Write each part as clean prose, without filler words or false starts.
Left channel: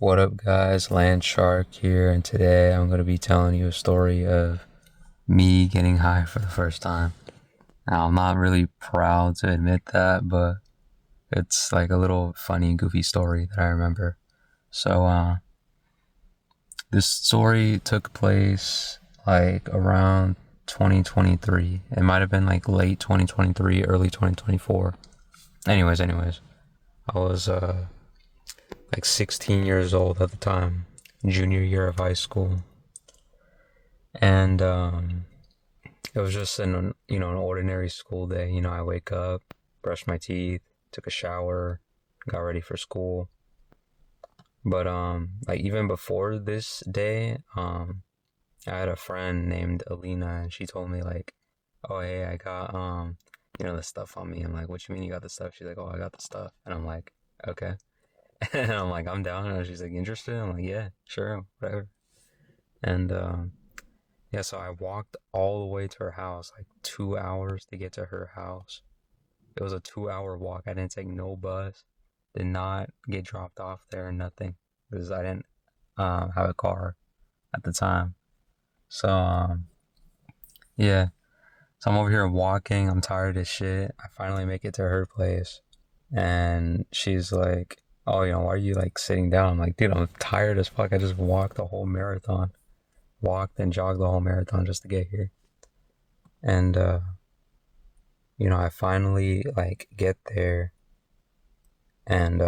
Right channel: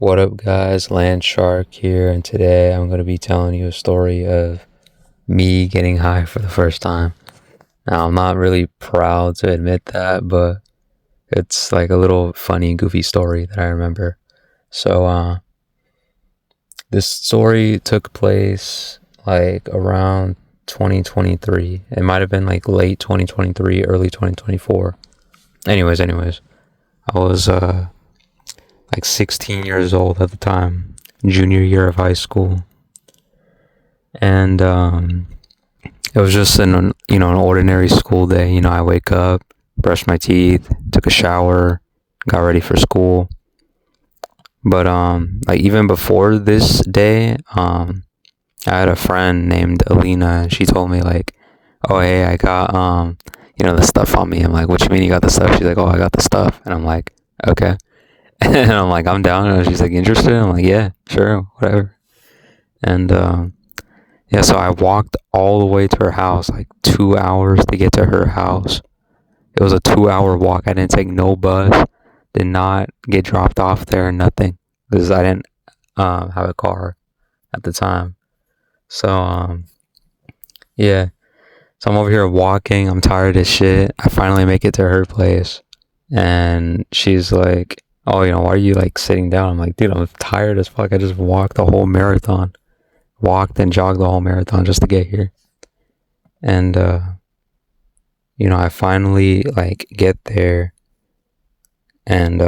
What up, guys? Land Shark here, and today I'm going to be telling you a story of me getting high for the first time. Now, I'm not really proud to admit that, but it's like a little funny, goofy story that I remember. So, this story took place like around 2023. It might have been like late 2023, early 2024. Anyways, I was like 16 years old at the time, junior year of high school, and it was just an ordinary school day. I wake up, brush my teeth, took a shower, got ready for school. But like even before this day, I had a friend named Alina, and she told me like, "Oh hey, I got the stuff on me." I'm like, "What you mean you got the stuff?" She's like, "Oh, I got the stuff," and I'm like, "Okay." And I'm like, "I'm down." And she's like, "Interested?" I'm like, "Yeah, sure, whatever." And yeah, so I walked all the way to her house, like 2 hours to get to her house. It was a 2 hour walk. I didn't take no bus, did not get dropped off there, nothing, because I didn't have a car at the time. So, yeah. So I'm over here walking. I'm tired as shit. I finally make it to her place. And she's like, "Oh, why are you like sitting down?" I'm like, "Dude, I'm tired as fuck. I just walked the whole marathon. Walked and jogged the whole marathon just to get here." And I finally like get there, and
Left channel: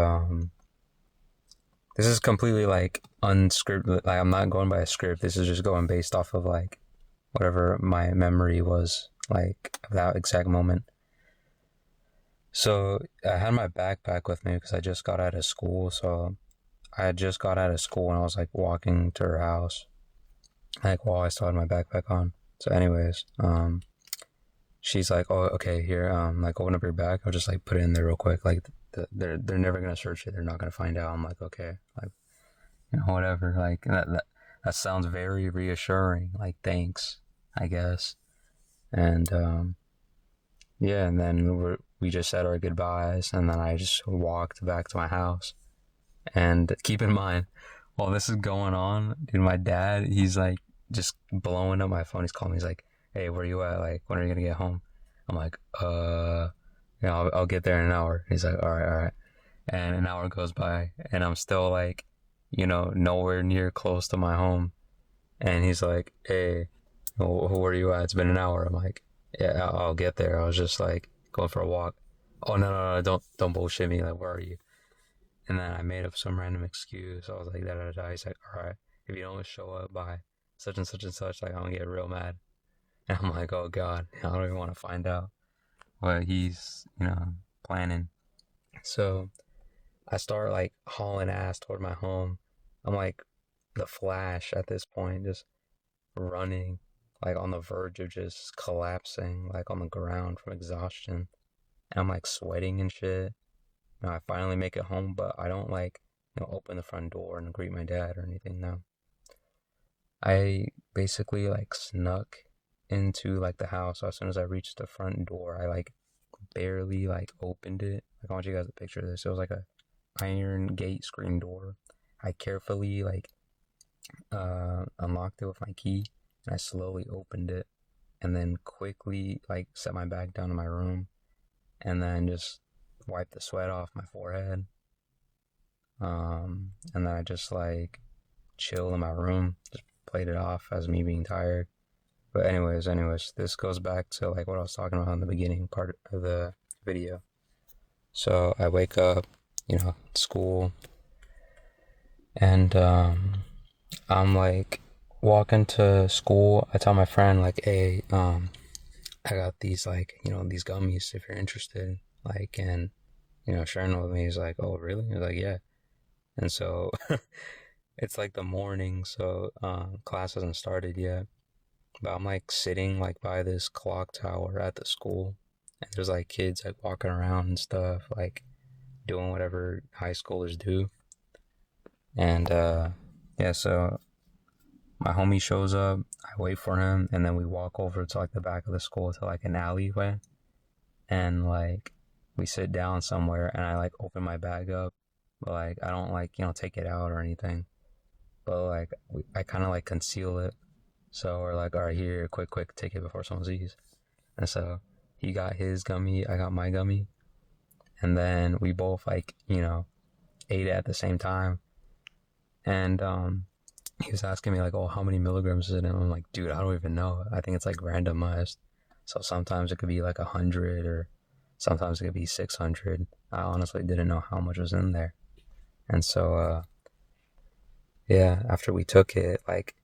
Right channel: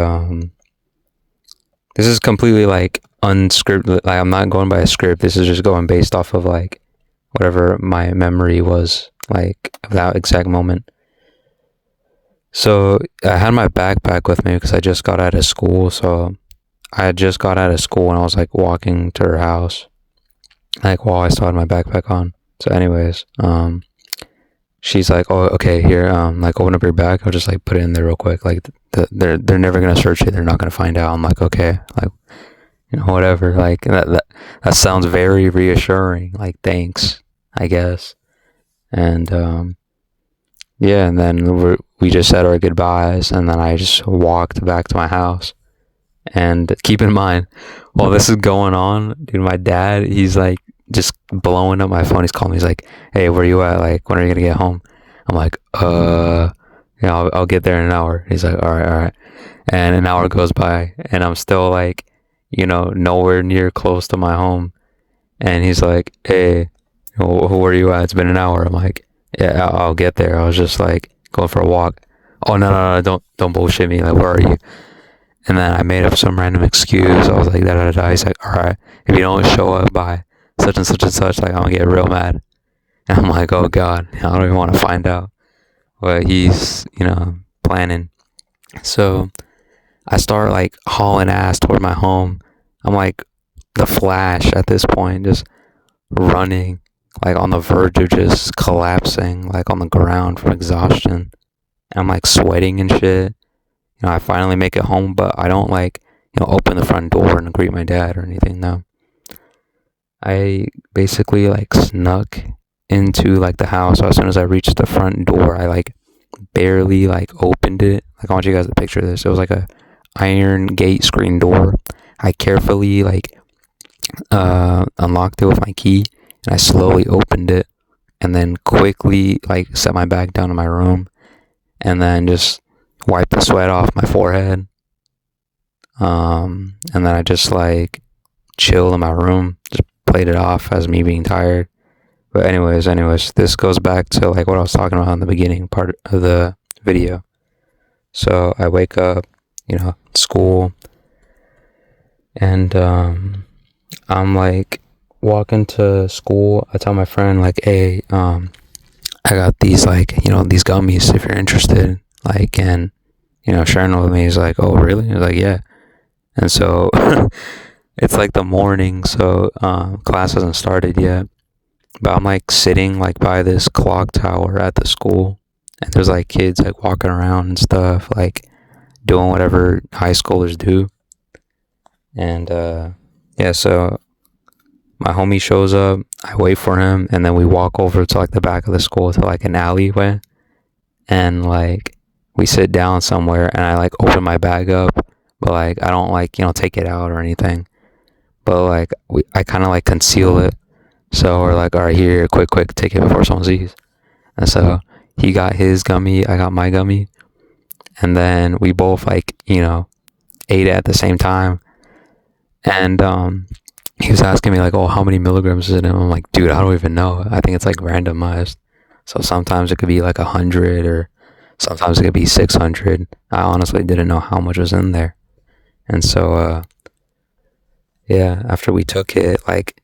this is completely like unscripted. Like, I'm not going by a script. This is just going based off of like whatever my memory was like of that exact moment. So I had my backpack with me because I just got out of school. So I had just got out of school and I was like walking to her house, like while I still had my backpack on. So, anyways, she's like, "Oh, okay, here, like open up your bag. I'll just like put it in there real quick. Like they're never gonna search it. They're not gonna find out." I'm like, "Okay, like whatever." Like that sounds very reassuring. Like, thanks, I guess. And yeah, and then we just said our goodbyes, and then I just walked back to my house. And keep in mind, while this is going on, dude, my dad, he's like just blowing up my phone. He's calling me. He's like, "Hey, where you at? Like, when are you gonna get home?" I'm like, I'll get there in an hour." He's like, "All right, all right." And an hour goes by, and I'm still like, nowhere near close to my home. And he's like, "Hey, where are you at? It's been an hour." I'm like, "Yeah, I'll get there. I was just like going for a walk." "Oh, no, don't bullshit me. Like, where are you?" And then I made up some random excuse. I was like, da da da. He's like, "All right, if you don't show up by such and such and such, like, I'm gonna get real mad." And I'm like, "Oh God, I don't even want to find out what he's, planning." So I start like hauling ass toward my home. I'm like the Flash at this point, just running, like on the verge of just collapsing, like on the ground from exhaustion. And I'm like sweating and shit. I finally make it home, but I don't like, open the front door and greet my dad or anything. No, I basically like snuck into like the house. So as soon as I reached the front door, I like barely like opened it. Like, I want you guys to picture this. It was like a iron gate screen door. I carefully like unlocked it with my key, and I slowly opened it, and then quickly like set my bag down in my room, and then just wiped the sweat off my forehead. And then I just like chilled in my room, just played it off as me being tired. But anyways, this goes back to like what I was talking about in the beginning part of the video. So I wake up, school, and I'm like walking to school. I tell my friend like, "Hey, I got these like, these gummies if you're interested." Like, and sharing with me. He's like, "Oh, really?" He's like, "Yeah." And so it's like the morning, so class hasn't started yet. But I'm like sitting like by this clock tower at the school, and there's like kids like walking around and stuff, like doing whatever high schoolers do. And yeah, so my homie shows up. I wait for him, and then we walk over to like the back of the school to like an alleyway, and like we sit down somewhere, and I like open my bag up but like I don't like take it out or anything. But like I kind of like conceal it. So we're like, all right, here, quick, take it before someone sees. And so he got his gummy, I got my gummy, and then we both like ate it at the same time. And he was asking me like, oh, how many milligrams is it? And I'm like, dude, I don't even know. I think it's like randomized. So sometimes it could be like 100, or sometimes it could be 600. I honestly didn't know how much was in there. And so yeah, after we took it, like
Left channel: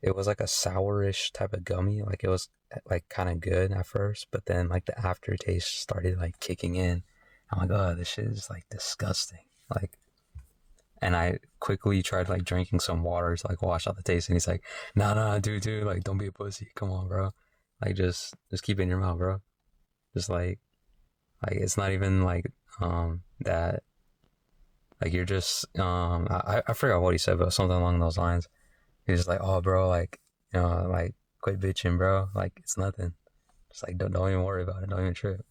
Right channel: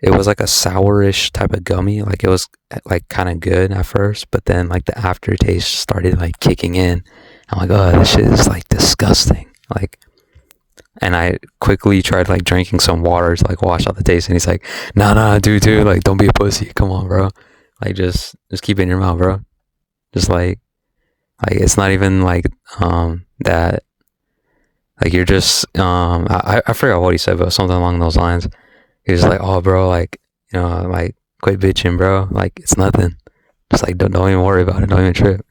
it was like a sourish type of gummy. Like it was like kind of good at first, but then like the aftertaste started like kicking in. I'm like, oh, this shit is like disgusting. Like, and I quickly tried like drinking some water to like wash out the taste. And he's like, nah, dude, like don't be a pussy. Come on, bro. Like just keep it in your mouth, bro. Just like it's not even like that. Like you're just I forgot what he said, but something along those lines. He was like, oh, bro, like like quit bitching, bro. Like it's nothing. Just like don't even worry about it. Don't even trip.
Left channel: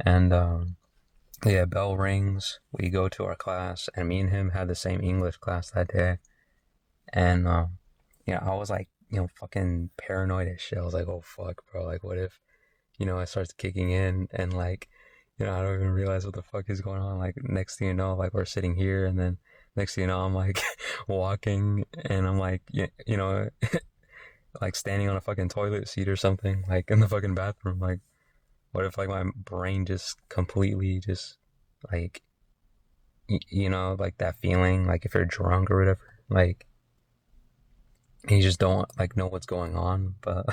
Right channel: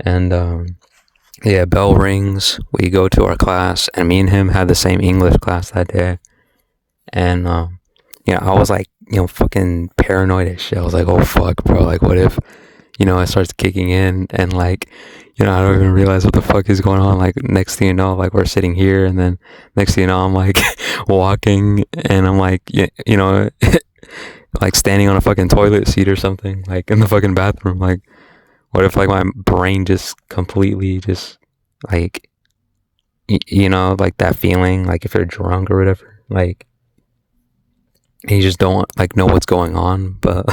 And yeah, bell rings. We go to our class, and me and him had the same English class that day. And I was like, fucking paranoid as shit. I was like, oh fuck, bro. Like, what if it starts kicking in, and like, I don't even realize what the fuck is going on. Like, next thing you know, like we're sitting here, and then next thing you know, I'm like walking, and I'm like, like standing on a fucking toilet seat or something, like in the fucking bathroom. Like, what if like my brain just completely just like, like that feeling, like if you're drunk or whatever, like you just don't like know what's going on, but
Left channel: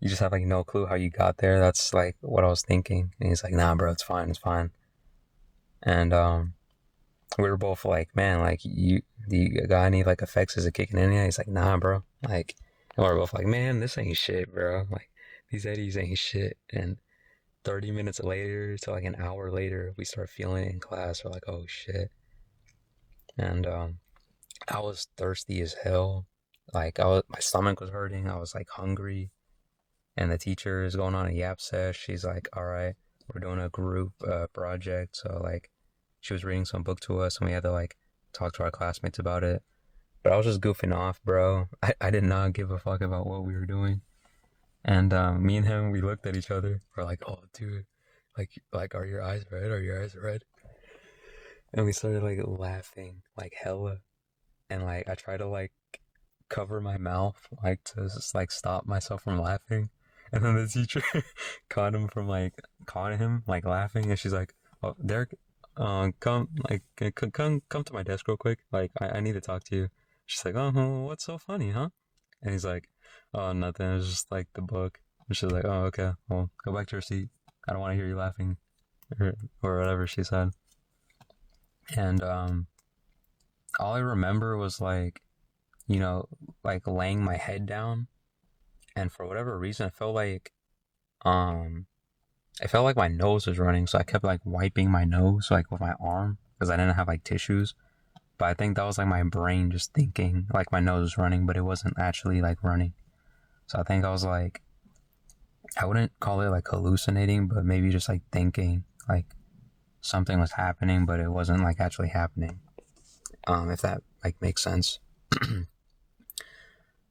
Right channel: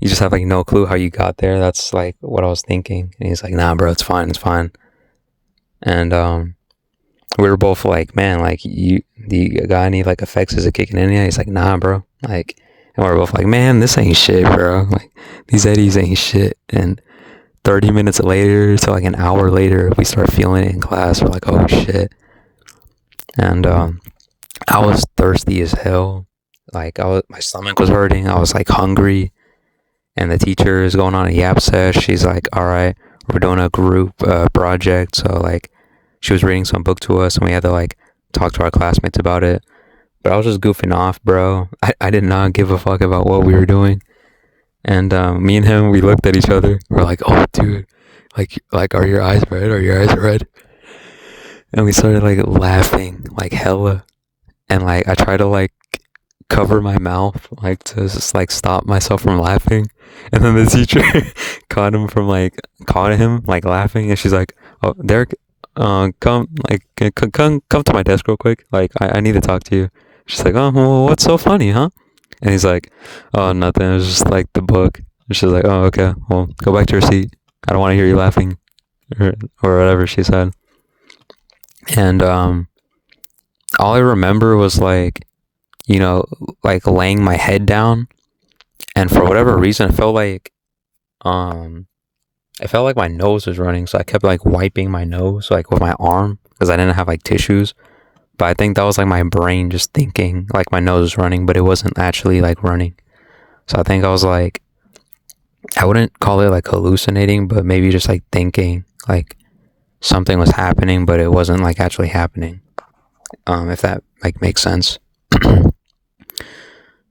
you just have like no clue how you got there. That's like what I was thinking. And he's like, nah, bro, it's fine. And we were both like, man, like you got any like effects? Is it kicking in yet? He's like, nah, bro. Like, and we we're both like, man, this ain't shit, bro. Like these eddies ain't shit. And 30 minutes later to like an hour later, we start feeling it in class. We're like, oh shit. And I was thirsty as hell. Like my stomach was hurting. I was like hungry. And the teacher is going on a yap sesh. She's like, all right, we're doing a group project. So like she was reading some book to us, and we had to like talk to our classmates about it. But I was just goofing off, bro. I did not give a fuck about what we were doing. And me and him, we looked at each other. We're like, oh, dude, like, are your eyes red? Are your eyes red? And we started like laughing, like hella. And like I tried to like cover my mouth, like to just like stop myself from laughing. And then the teacher caught him like laughing, and she's like, oh, Derek, come like come to my desk real quick. Like I need to talk to you. She's like, oh, well, what's so funny, huh? And he's like, oh, nothing. It was just like the book. And she's like, oh, okay. Well, go back to your seat. I don't want to hear you laughing, or whatever she said. And all I remember was like, like laying my head down, and for whatever reason, it felt like my nose was running, so I kept like wiping my nose like with my arm because I didn't have like tissues. But I think that was like my brain just thinking like my nose was running, but it wasn't actually like running. So I think I was like, I wouldn't call it like hallucinating, but maybe just like thinking like something was happening, but it wasn't like actually happening. If that like makes sense.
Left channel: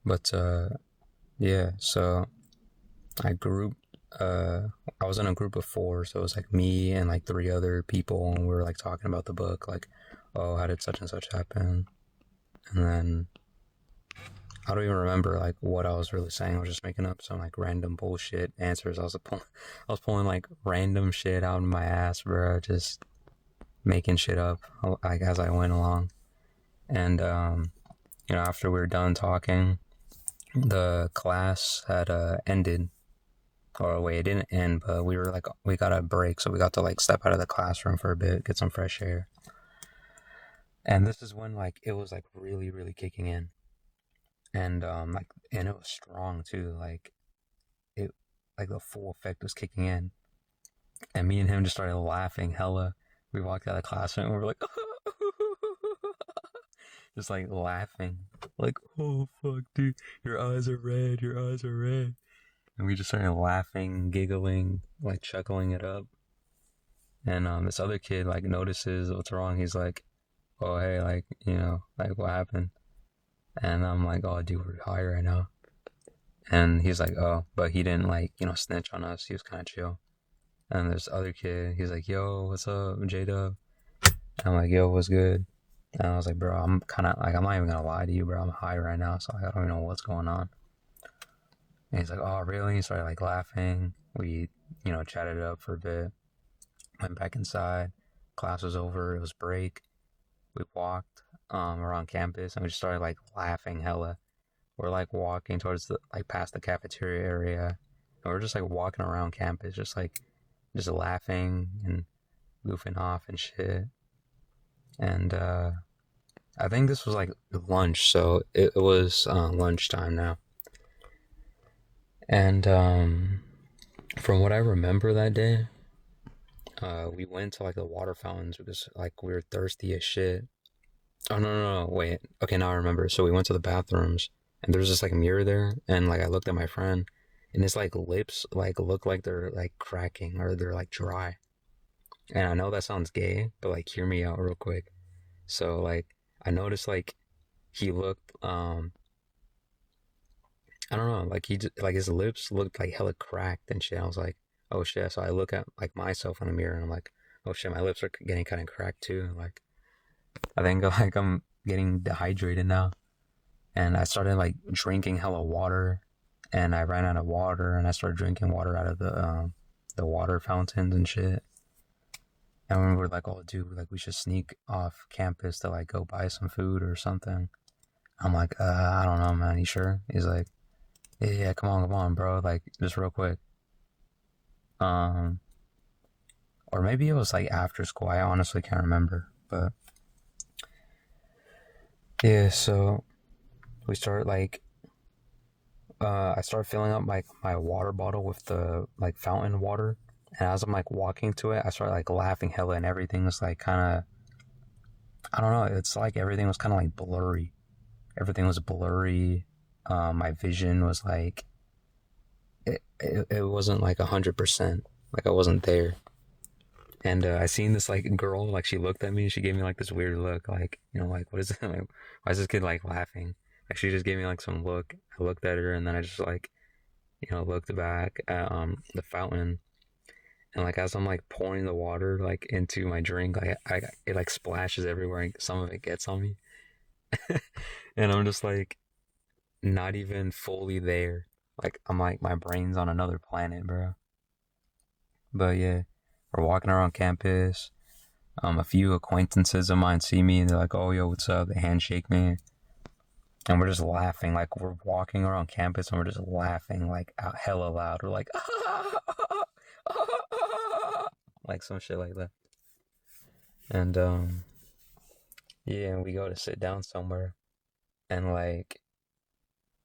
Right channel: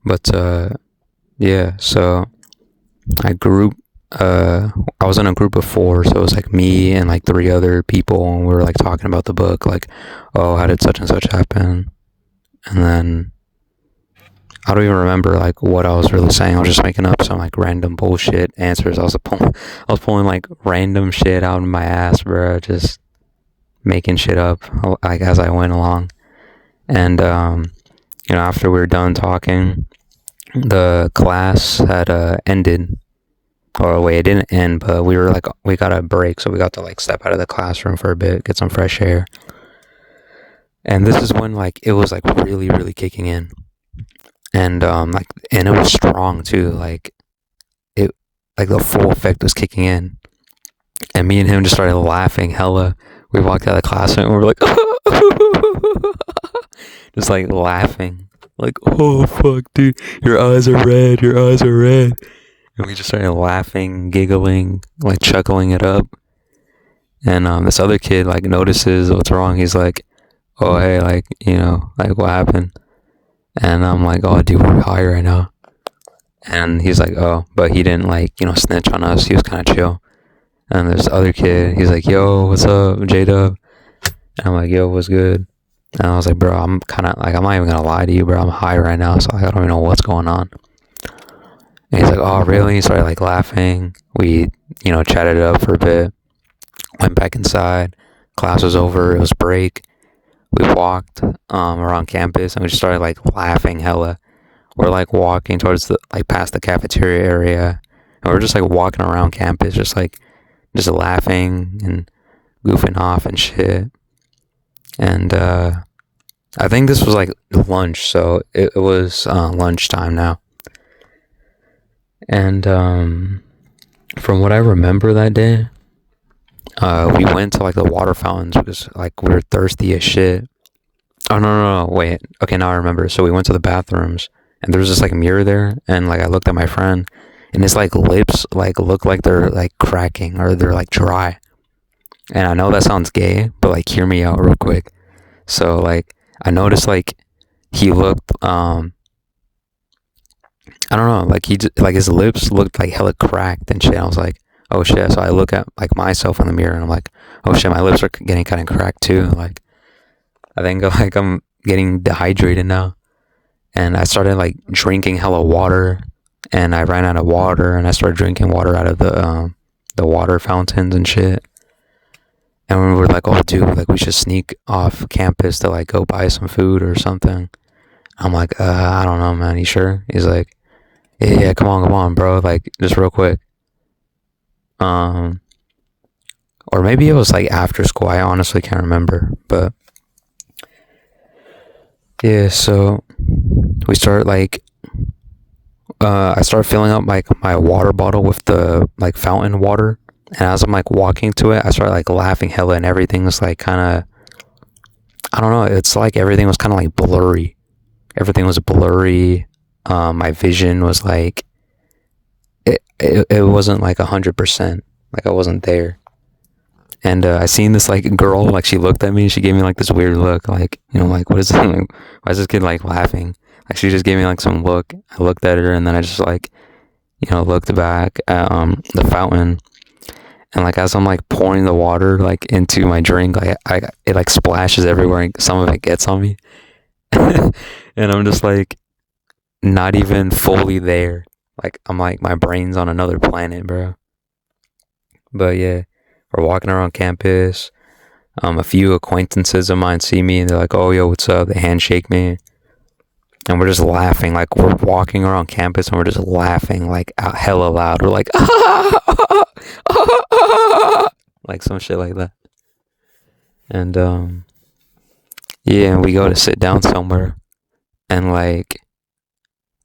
But yeah, so I was in a group of 4, so it was like me and like 3 other people, and we were like talking about the book, like, oh, how did such and such happen? And then I don't even remember like what I was really saying. I was just making up some like random bullshit answers. I was pulling like random shit out of my ass, bro, just making shit up like as I went along. And after we were done talking, the class had ended. Or wait, it didn't end, but we got a break, so we got to like step out of the classroom for a bit, get some fresh air. And this is when like it was like really, really kicking in. And and it was strong too, like it like the full effect was kicking in. And me and him just started laughing hella. We walked out of the classroom and we were like just like laughing. Like, oh fuck, dude, your eyes are red, And we just started laughing, giggling, like chuckling it up. And this other kid like notices what's wrong. He's like, "Oh hey, like like what happened?" And I'm like, "Oh dude, we're high right now." And he's like, "Oh," but he didn't like snitch on us. He was kind of chill. And this other kid, he's like, "Yo, what's up, J Dub?" And I'm like, "Yo, what's good?" And I was like, "Bro, I'm kind of like, I'm not even gonna lie to you, bro. I'm high right now, so like, I don't even know what's going on." And he's like, "Oh, really?" He started like laughing. We, chatted it up for a bit. Went back inside. Class was over. It was break. We walked around campus and we just started like laughing hella. We're like walking towards the like past the cafeteria area, and we're just like walking around campus, just laughing and goofing off and shit. And I think this was like lunch, so it was lunchtime now. And from what I remember that day, we went to like the water fountains because like we were thirsty as shit. Oh no, wait. Okay, now I remember. So we went to the bathrooms and there was this like mirror there, and like I looked at my friend, and his like lips like look like they're like cracking or they're like dry. And I know that sounds gay, but like hear me out real quick. So like I noticed like he looked I don't know, like like his lips looked like hella cracked and shit. I was like, oh shit. So I look at like myself in the mirror and I'm like, oh shit, my lips are getting kind of cracked too. Like I think like I'm getting dehydrated now. And I started like drinking hella water, and I ran out of water, and I started drinking water out of the water fountains and shit. And we were like, oh dude, like we should sneak off campus to like go buy some food or something. I'm like, I don't know, man. You sure? He's like, yeah, come on, bro. Like just real quick. Um, or maybe it was like after school. I honestly can't remember, but yeah. So we started like I started filling up like my water bottle with the like fountain water, and as I'm like walking to it, I started like laughing hella, and everything was like kind of, I don't know. It's like everything was kind of like blurry. Everything was blurry. My vision was like it wasn't like 100%. Like I wasn't there. And I seen this like girl, like she looked at me and she gave me like this weird look, like like what is it? Like, why is this kid like laughing? Like she just gave me like some look. I looked at her and then I just like looked back at the fountain, and like as I'm like pouring the water like into my drink, like it like splashes everywhere and some of it gets on me. And I'm just like not even fully there. Like I'm like my brain's on another planet, bro. But yeah, we're walking around campus. A few acquaintances of mine see me and they're like, "Oh, yo, what's up?" They handshake me, and we're just laughing. Like we're walking around campus and we're just laughing like out hella loud. We're like, like some shit like that. And yeah, and we go to sit down somewhere, and like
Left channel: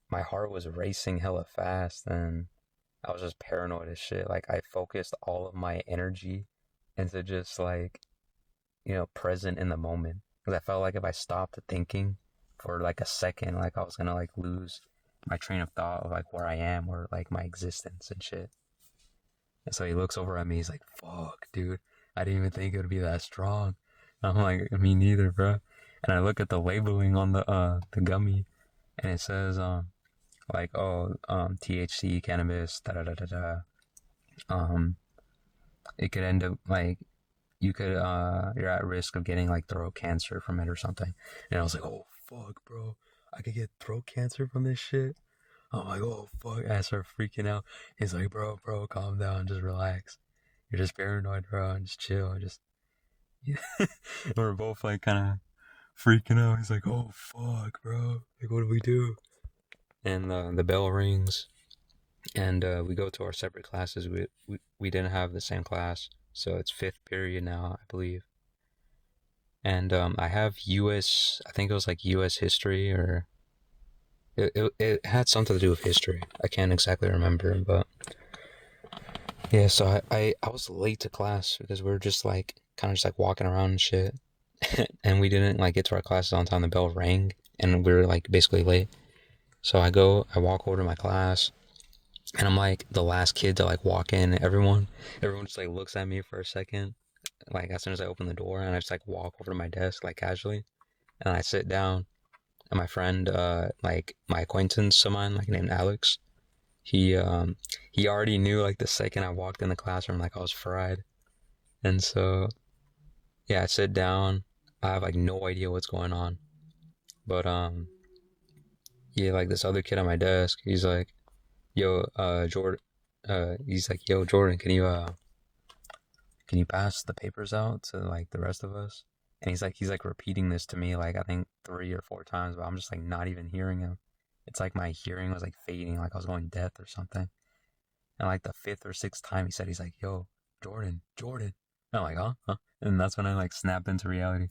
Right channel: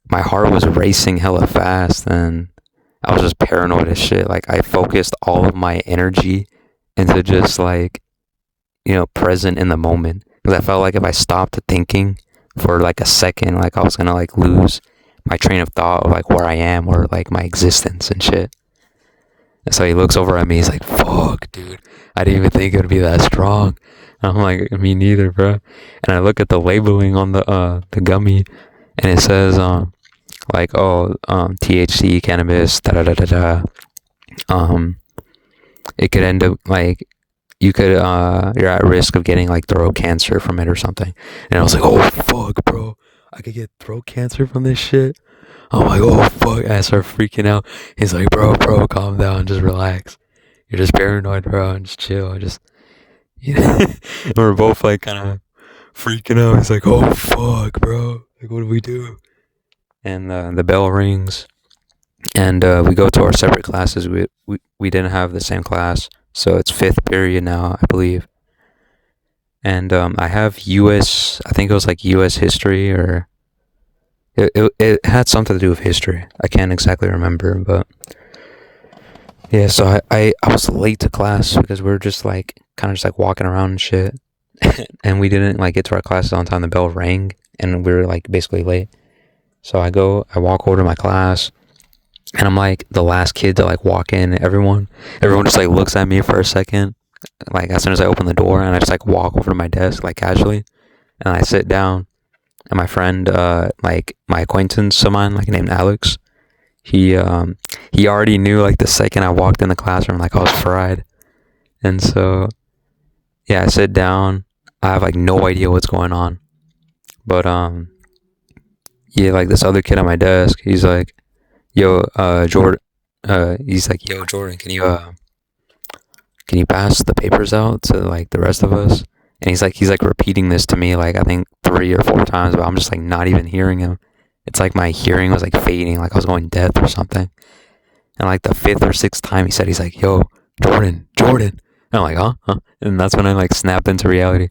my heart was racing hella fast, and I was just paranoid as shit. Like I focused all of my energy into just like present in the moment, because I felt like if I stopped thinking for like a second, like I was gonna like lose my train of thought of like where I am or like my existence and shit. And so he looks over at me, he's like, fuck, dude, I didn't even think it would be that strong. And I'm like, me neither, bro. And I look at the labeling on the gummy, and it says like, oh, THC, cannabis, da da da da da. It could end up like you could you're at risk of getting like throat cancer from it or something. And I was like, oh fuck, bro, I could get throat cancer from this shit. I'm like, oh fuck, and I start freaking out. He's like, bro, calm down, just relax. You're just paranoid, bro, and just chill. Just and we're both like kind of freaking out. He's like, oh fuck, bro, like what do we do? And the bell rings, and we go to our separate classes. We didn't have the same class, so it's fifth period now, I believe. And I have U.S. I think it was like U.S. history, or it had something to do with history. I can't exactly remember, but yeah. So I was late to class because we were just like kind of just like walking around and shit, and we didn't like get to our classes on time. The bell rang, and we were like basically late. So I walk over to my class, and I'm like the last kid to like walk in. Everyone just like looks at me for a second. like as soon as I open the door, and I just like walk over to my desk like casually, and I sit down. And my friend, like my acquaintance of mine, like named Alex, he he already knew like the second I walked in the classroom, like I was fried. And so yeah, I sit down. I have like no idea what's going on, but yeah, like this other kid on my desk, he's like, "Yo, Jordan," he's like, "Yo, Jordan, can you pass the papers out to like the rest of us?" And he's like repeating this to me like I think 3 or 4 times, but I'm just like not even hearing him. It's like my hearing was like fading, like I was going deaf or something. And like the fifth or sixth time he said, he's like, "Yo, Jordan, Jordan." And I'm like, "Huh, huh?" And that's when I like snapped into reality.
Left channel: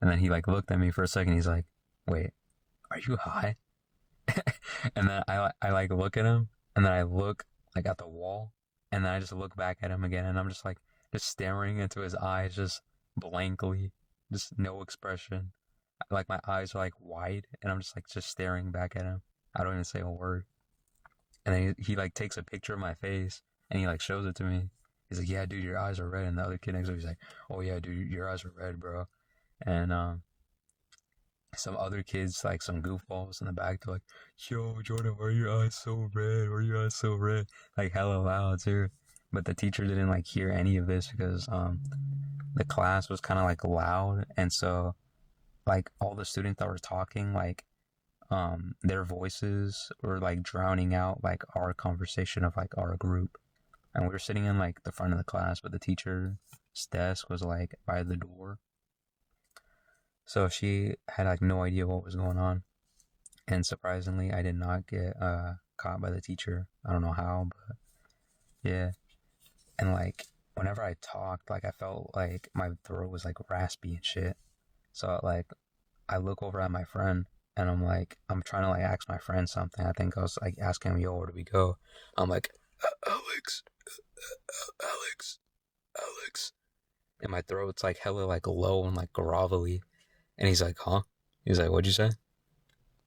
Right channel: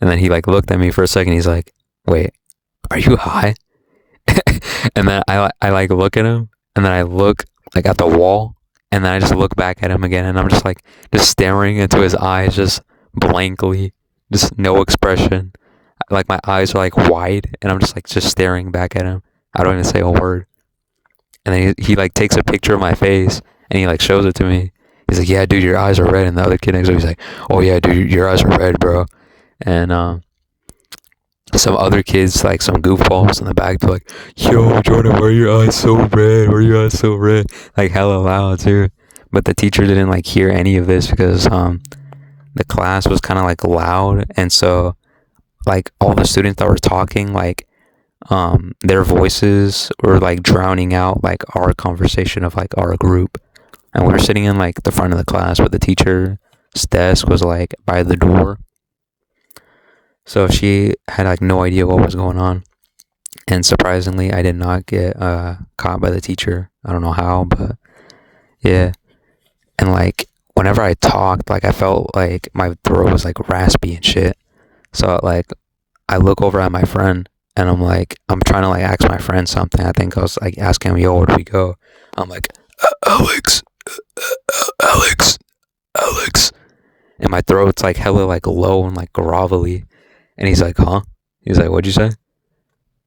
And then he like looked at me for a second. He's like, "Wait, are you high?" And then I like look at him, and then I look like at the wall, and then I just look back at him again, and I'm just like just staring into his eyes, just blankly, just no expression. Like my eyes are like wide, and I'm just staring back at him. I don't even say a word. And then he like takes a picture of my face, and he like shows it to me. He's like, "Yeah, dude, your eyes are red." And the other kid next to him, he's like, "Oh yeah, dude, your eyes are red, bro." And some other kids, like some goofballs in the back, they're like, "Yo, Jordan, why are your eyes so red? Why are your eyes so red?" Like hella loud too. But the teacher didn't like hear any of this because the class was kind of like loud, and so like all the students that were talking, like their voices were like drowning out like our conversation of like our group. And we were sitting in like the front of the class, but the teacher's desk was like by the door. So she had like no idea what was going on. And surprisingly, I did not get caught by the teacher. I don't know how, but yeah. And like whenever I talked, like I felt like my throat was like raspy and shit. So like I look over at my friend, and I'm like, I'm trying to like ask my friend something. I think I was like asking him, "Yo, where do we go?" I'm like, "Alex, Alex, Alex." And my throat's like hella like low and like grovelly. And he's like, "Huh?" He's like, "What'd you say?"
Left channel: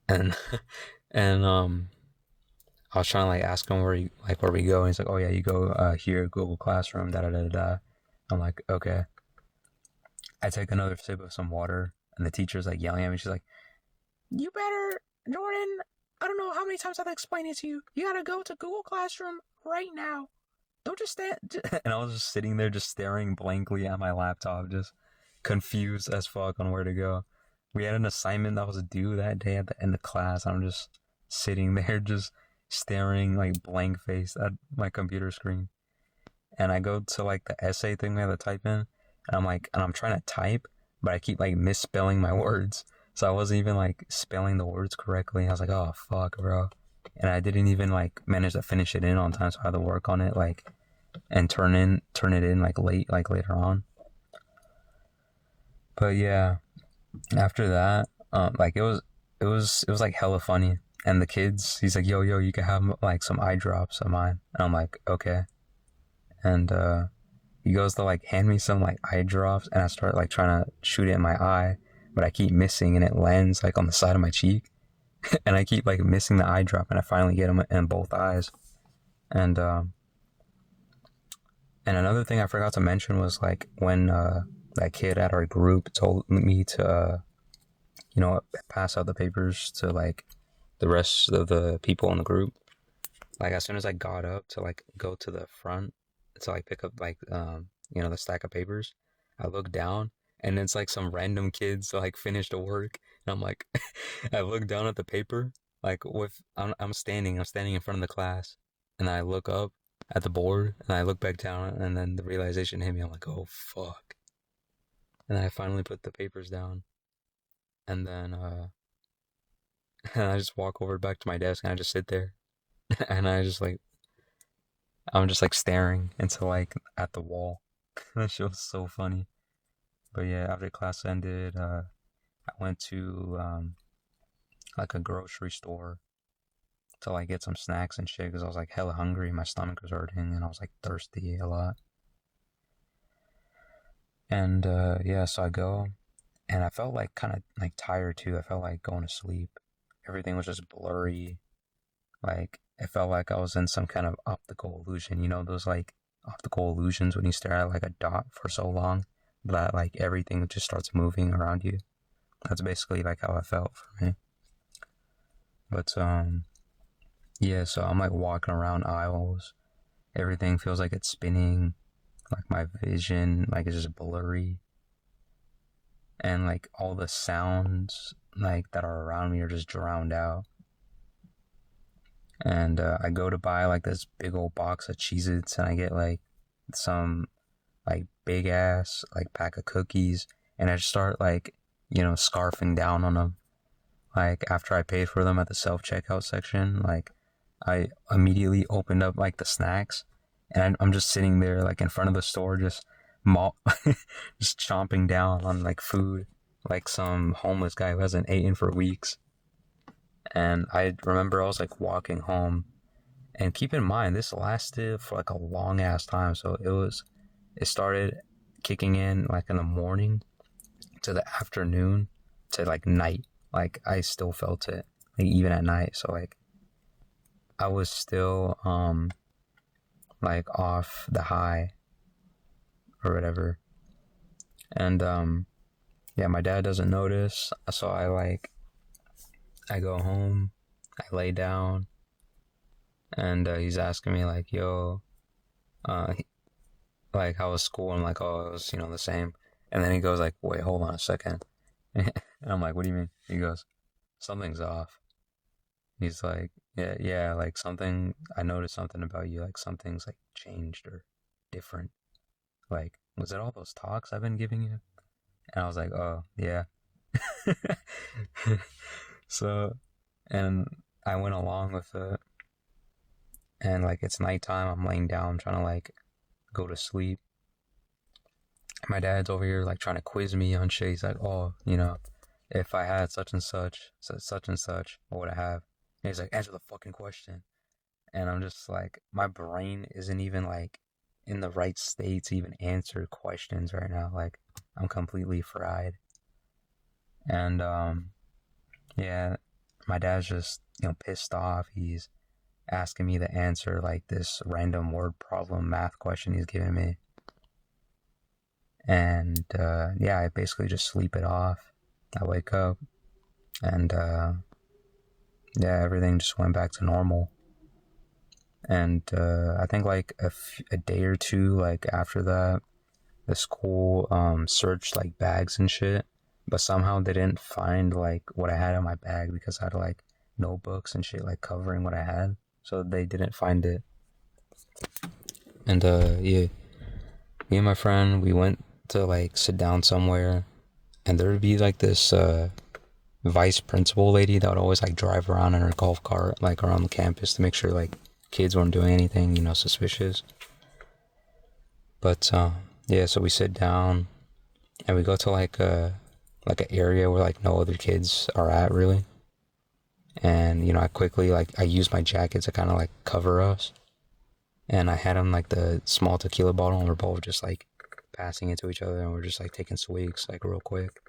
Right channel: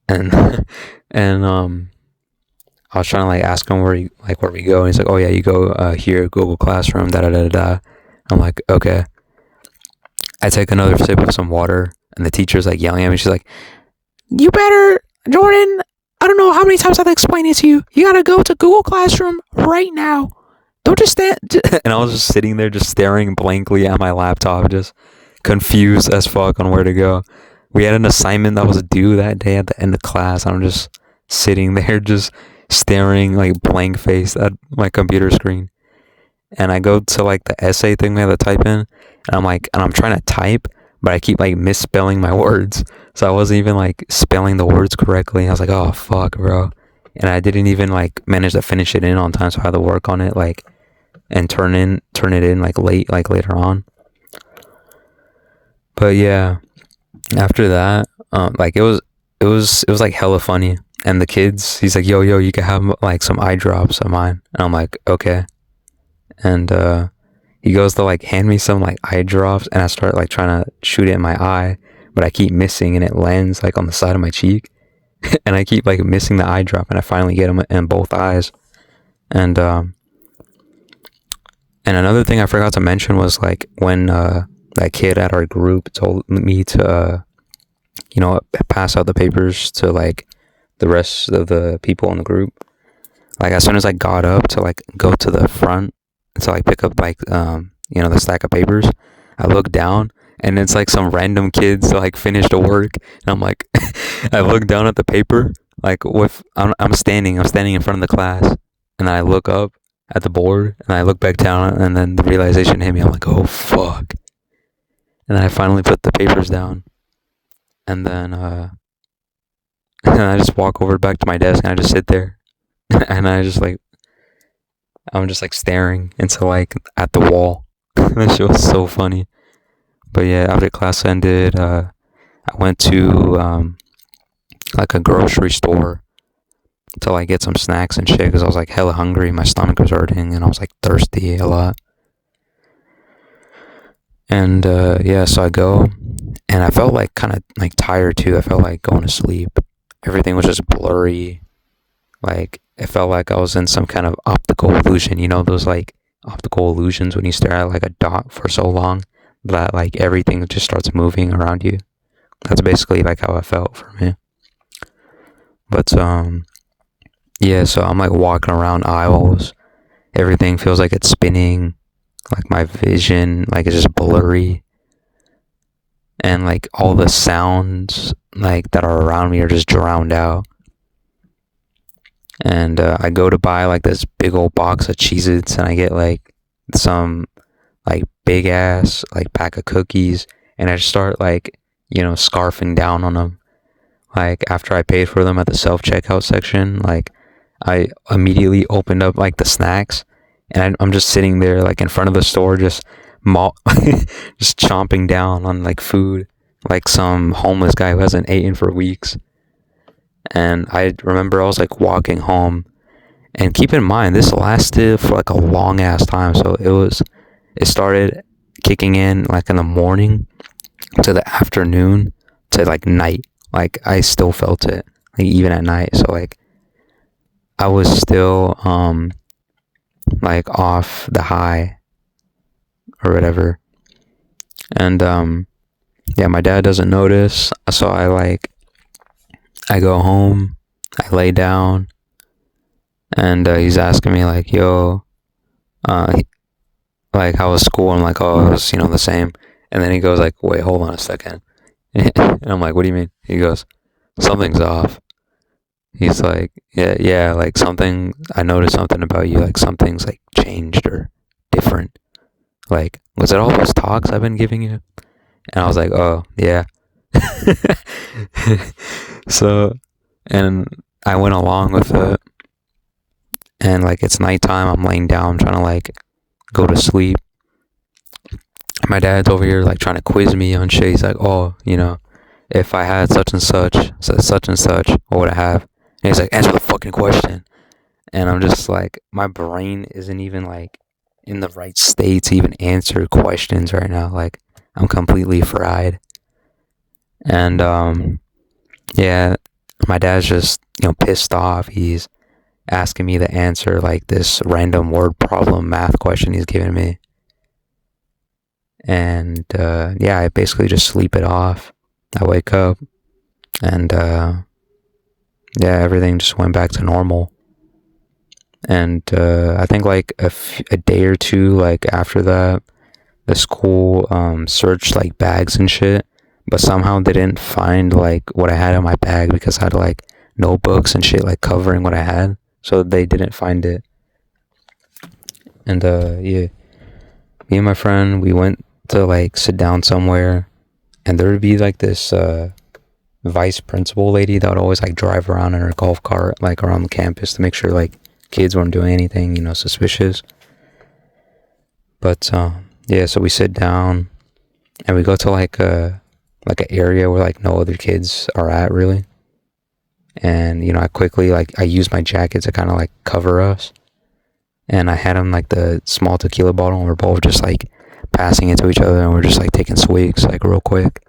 And and I was trying to like ask him where we go, and he's like, "Oh yeah, you go here, Google Classroom, da da da da." I'm like, "Okay." I take another sip of some water, and the teacher's like yelling at me. She's like, "You better, Jordan. I don't know how many times I've explained it to you. You gotta go to Google Classroom right now. Don't just stand." And I was just sitting there, just staring blankly at my laptop, just confused as fuck on where to go. We had an assignment that was due that day at the end of class. I'm just sitting there, just staring like blank faced at my computer screen. And I go to like the essay thing we have to type in, and I'm trying to type, but I keep like misspelling my words. So I wasn't even like spelling the words correctly. I was like, "Oh fuck, bro." And I didn't even like manage to finish it in on time, so I had to work on it like and turn it in like later on. But yeah, after that, like it was like hella funny. And the kids, he's like, "Yo, you can have like some eye drops of mine." And I'm like, "Okay." And he goes to like hand me some like eye drops, and I start like trying to shoot it in my eye, but I keep missing, and it lands like on the side of my cheek. And I keep like missing the eye drop, and I finally get him in both eyes. And another thing I forgot to mention was like when that kid at our group told me to pass out the papers to like the rest of the people in the group. Like as soon as I got up to like go to the front to like pick up like the stack of papers, I look down, and it's like some random kids like finished the work, and I'm like, I look down at the paper, like I'm standing in front of the class, and then I look up at the board, and I look back down, and then the realization hit me. I'm like, "Oh fuck!" And then I finally put the papers down, and then and I just walk over back to my desk, and I just sit there, and I'm just like staring into like at the wall. That shit was so funny. But yeah, after class ended, I went to like a grocery store to like get some snacks and shit because I was like hella hungry. My stomach was hurting, and I was like thirsty a lot. And yeah, so I go, and I felt like kind of like tired too. I felt like going to sleep. Everything was just blurry. Like it felt like I was in some kind of optical illusion. You know those like optical illusions when you stare at like a dot for so long that like everything just starts moving around you. That's basically like how I felt for me. But yeah, so I'm like walking around aisles. Everything feels like it's spinning. Like my vision, like it's just blurry, and like all the sounds like that are around me are just drowned out. And I go to buy like this big old box of Cheez-Its, and I get like some like big ass like pack of cookies, and I just start like scarfing down on them. Like after I paid for them at the self checkout section, like I immediately opened up like the snacks, and I'm just sitting there like in front of the store, just just chomping down on like food, like some homeless guy who hasn't eaten for weeks. And I remember I was like walking home, and keep in mind this lasted for like a long ass time. So it started kicking in like in the morning to the afternoon to like night. Like I still felt it like even at night. So like I was still like off the high or whatever. And yeah, my dad doesn't notice. So I go home, I lay down, and he's asking me like, yo, uh like how was school? I'm like, oh, it was the same. And then he goes like, wait, hold on a second. And I'm like, what do you mean? He goes, something's off. He's like, yeah, like something, I noticed something about you, like something's like changed or different. Like, was it all those talks I've been giving you? And I was like, oh, yeah. So, and I went along with it. And like, it's nighttime. I'm laying down, I'm trying to like go to sleep. My dad's over here like trying to quiz me on shit. He's like, oh, if I had such and such, what would I have? And he's like, answer the fucking question. And I'm just like, my brain isn't even like in the right state to even answer questions right now. Like, I'm completely fried. And yeah, my dad's just pissed off. He's asking me to answer like this random word problem math question he's giving me. And yeah, I basically just sleep it off. I wake up, and yeah, everything just went back to normal. And I think like a day or two like after that, the school searched like bags and shit, but somehow they didn't find like what I had in my bag because I had like notebooks and shit like covering what I had, so they didn't find it. And yeah, me and my friend, we went to like sit down somewhere, and there would be like this vice principal lady that would always like drive around in her golf cart like around the campus to make sure like kids weren't doing anything suspicious. But yeah, so we sit down and we go to like an area where like no other kids are at really. And I quickly like I use my jacket to kind of like cover us, and I had him like the small tequila bottle, and we're both just like passing it to each other, and we're just like taking swigs like real quick.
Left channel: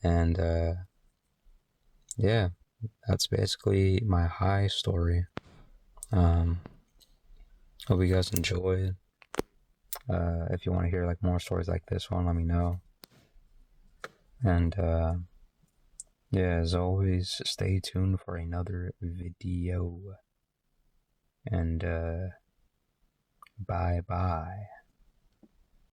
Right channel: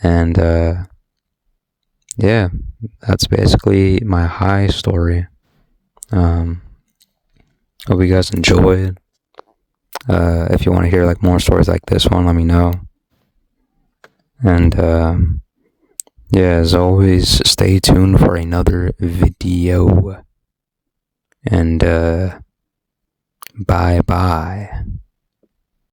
And yeah, that's basically my high story. Hope you guys enjoyed. If you want to hear like more stories like this one, let me know. And yeah, as always, stay tuned for another video. And bye bye.